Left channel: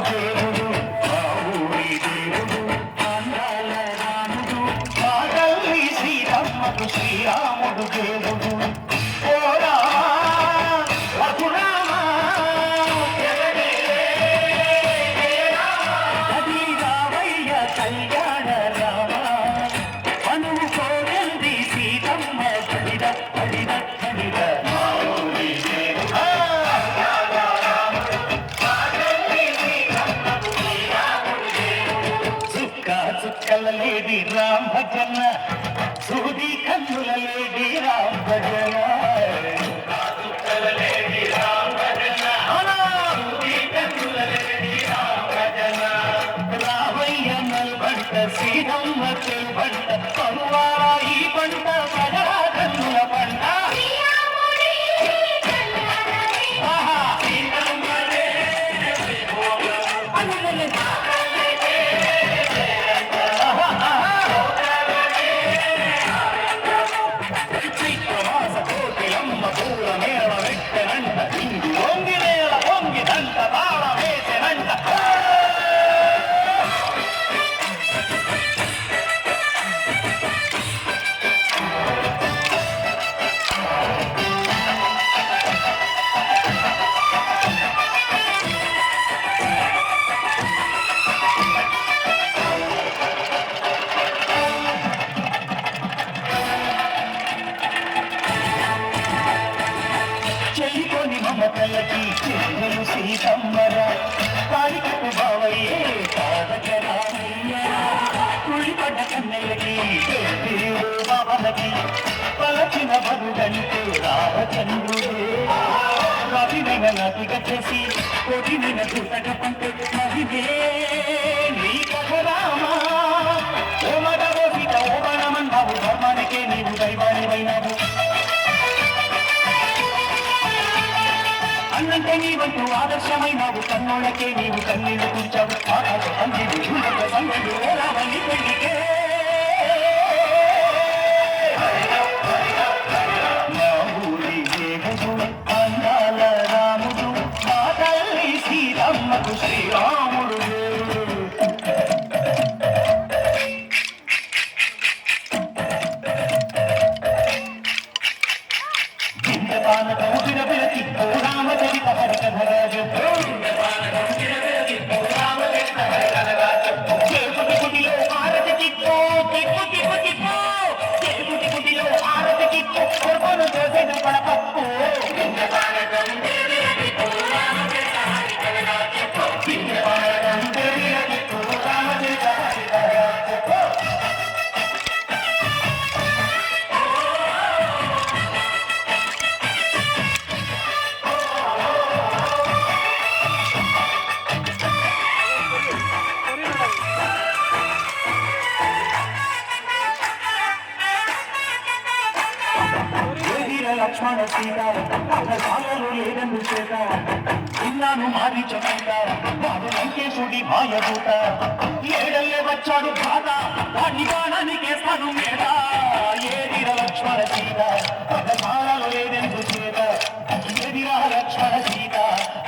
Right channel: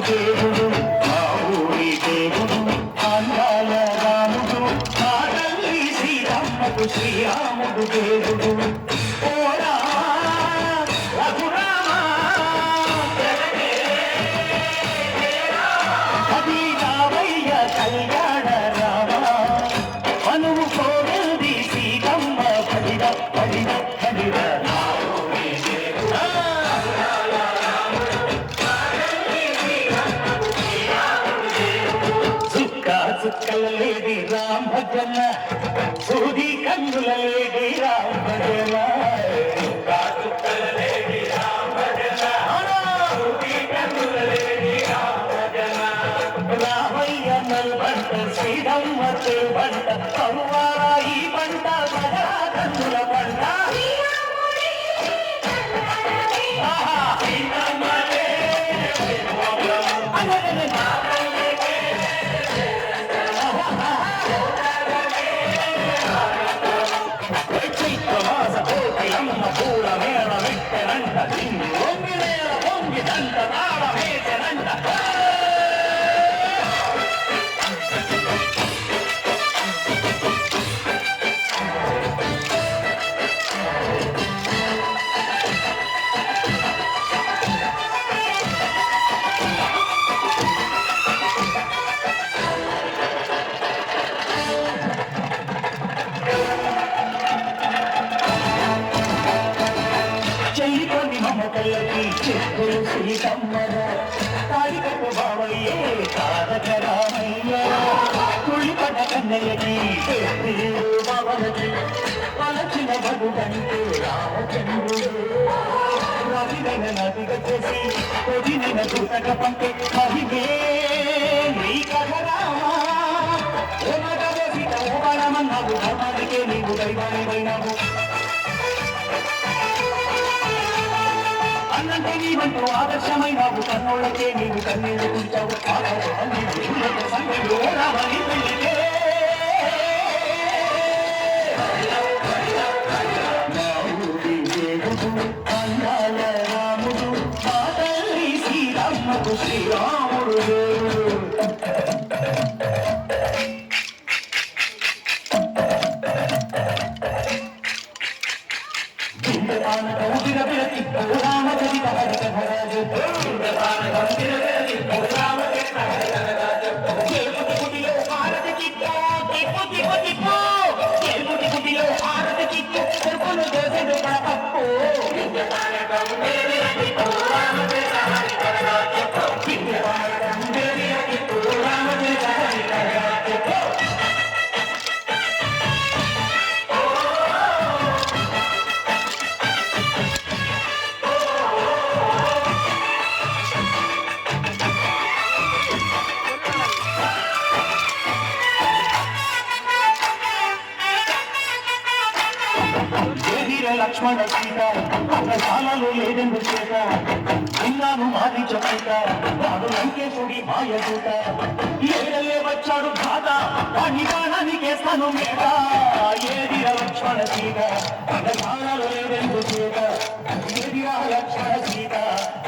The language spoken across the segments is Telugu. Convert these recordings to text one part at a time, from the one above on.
శ్రీరాముడు దేవుడు మా ఊరి దేవుడు అందాల రాముడు మా తల్లి సీతమ్మకు శ్రీరాముడు దేవుడు ఓ రామా రఘురామా అది రామయ్య కళ్యాణ రామ మనువు కోరింది సీతమ్మ కడిద కడిద కడిద చుక్కల లేడి రామ్ భజన సూది కన్నుల లేడి రామ్ భజన చుక్కల లేడి రామ్ భజన సూది కన్నుల లేడి రామ్ భజన రామయ్య మెల్బంట శ్రీరమ్మ చెల్బంట కనువారా ఈ పంట మగరా కన్నుల పంట పూల మేళ మెట్టెనంట దింగి వంగి నేల పొంగినంట తాళ వేసెనంట చెల్లికొని మమతలకి చెల్లెలు సీతమ్మరా తాడికట్టు బావయ్యే తారక రామయ్యరా కుళ్ళిపడ్డ కన్నెలకి బావలకి పలచిన బడుగంటే రామచంద్రుడే నదినైన నదిగా చేసి కొదిన దూతక పంటే నదివే నీ కథ రామా ఓ మదవో సీత ఓ బాణమన్నావు ధర్మానికే నీవు దైవానివైనావు అన్నంటే నీవంటూ ఆదర్శమైనావు కన్నోళ్ళకే నీవు కన్నీళ్లు తుడిచావు ఆకాశ పండిలు చూడక సంగళ్ళు రావని పెళ్లికే మా ఊరి దేవుడు అందాల రాముడు మా తల్లి సీతమ్మకు శ్రీరాముడు దేవుడు పానకం విరవిరతి రామచరిత హరికథరాజ చేపుటి గుడిలో హారతి చిక్కు తిప్పు తిప్పు తిప్పు చేపుటి గుడిలో హారతి చిక్కు కొడుకును దోసెడు పడపప్పు రామచరిత హరికథరాజ లక్ష్మణ సీత అన్నదానాలు లేదెందు చేత ఇన్నాను మారించమంట వాడు లంకేశుడి మాయదూత ఏడల్లే వచ్చాడు బాధ వాణ్ణి బాణానికేస్తాను మేట ఏదిరా లక్ష్మణ సీత అన్నదానాలు లేదెందు చేత ఏదిరా లక్ష్మణ సీత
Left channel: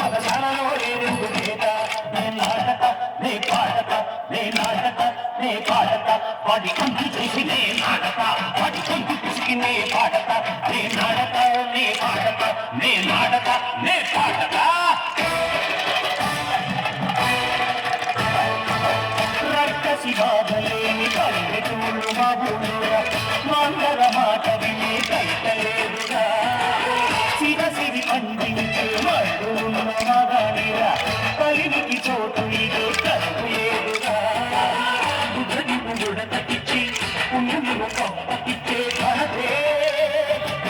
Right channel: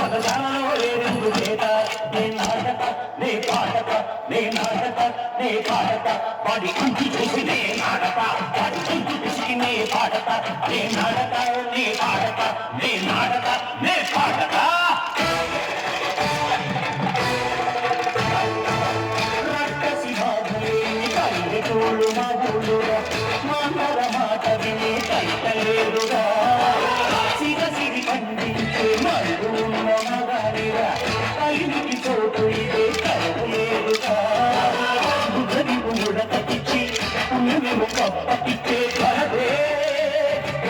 అన్నదానాలు లేదెందు చేత నే నాటక నే పాటక నే నాటక నే పాటక వాడి కంటి చేసి నే నాటక వాడి గొంతు పిసికి నే పాటక నే నాటక నే పాటక నే నాటక నే పాటక రక్కసి బాధలేని పల్లెటూళ్ళు మగులుగా మందర మాట విని కైతలేరుగా సిరి పండించే మరుగు ఉన్న మగానిరా కలినికి చోటు ఇదే కరువు ఏరుగా బుద్ధదివు ముడతకిచ్చి పుణ్యము కప్పకిచ్చే ధరదే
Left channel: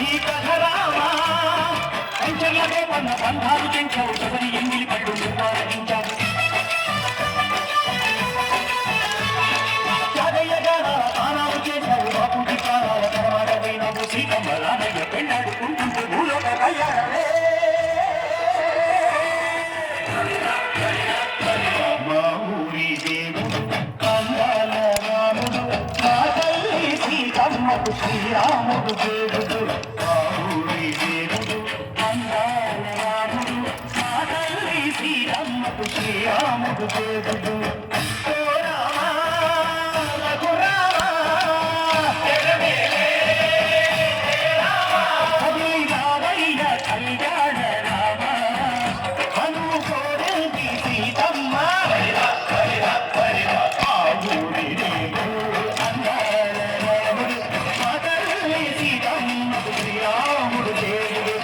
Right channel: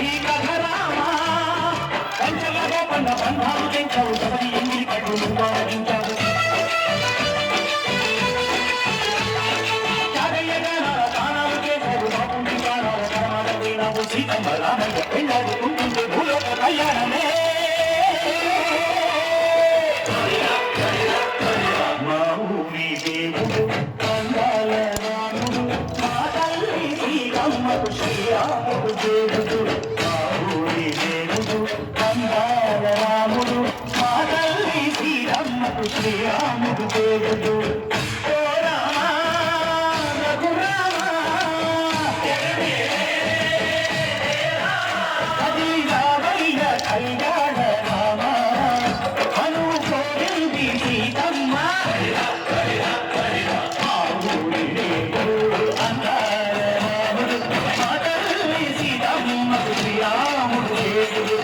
ఈ కథ రామా పంచల్ల గోపంగా బంధాలు తెంచావు సదరి ఎంగిలి కట్టు నువ్వు ఆరగించావు త్యాగయ్య గానాల తానాలు చేశావు బాపుడి ప్రాణాల కనమాట పోయినావు సీతమ్మ రామయ్య పెళ్ళాడుకుంటుంటే భూలోక కళ్యాణమే మా ఊరి దేవుడు అందాల రాముడు మా తల్లి సీతమ్మకు శ్రీరాముడు దేవుడు మా ఊరి దేవుడు అందాల రాముడు మా తల్లి సీతమ్మ మాకు శ్రీరాముడు దేవుడు. ఓ రామ రఘురామ హరి రామయ్య కళ్యాణ రామ హనుము కోరింది సీతమ్మ ఆ ఊరి దేవుడు అందాల రాముడు మా తల్లి సీతమ్మకు శ్రీరాముడు దేవుడు.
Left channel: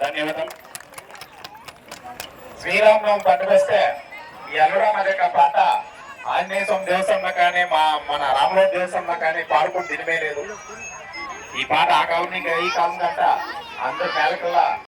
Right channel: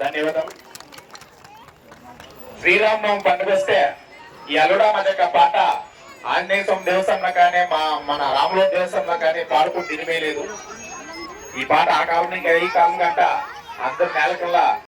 ధన్యవాదాలు. శ్రీరామనవమి పండుగ వస్తే ఈ అల్లుడా మగక్క పాట ఆంజనేయ స్వామి దేవస్థానంలో కానీ మన రామరాజు దేవస్థానంలో కానీ పాడుకుని తినివేయలేదు. ఈ పాట ఆ కాలం ఇంకా ఈ కాలం కంట అందరు నేలకల్లా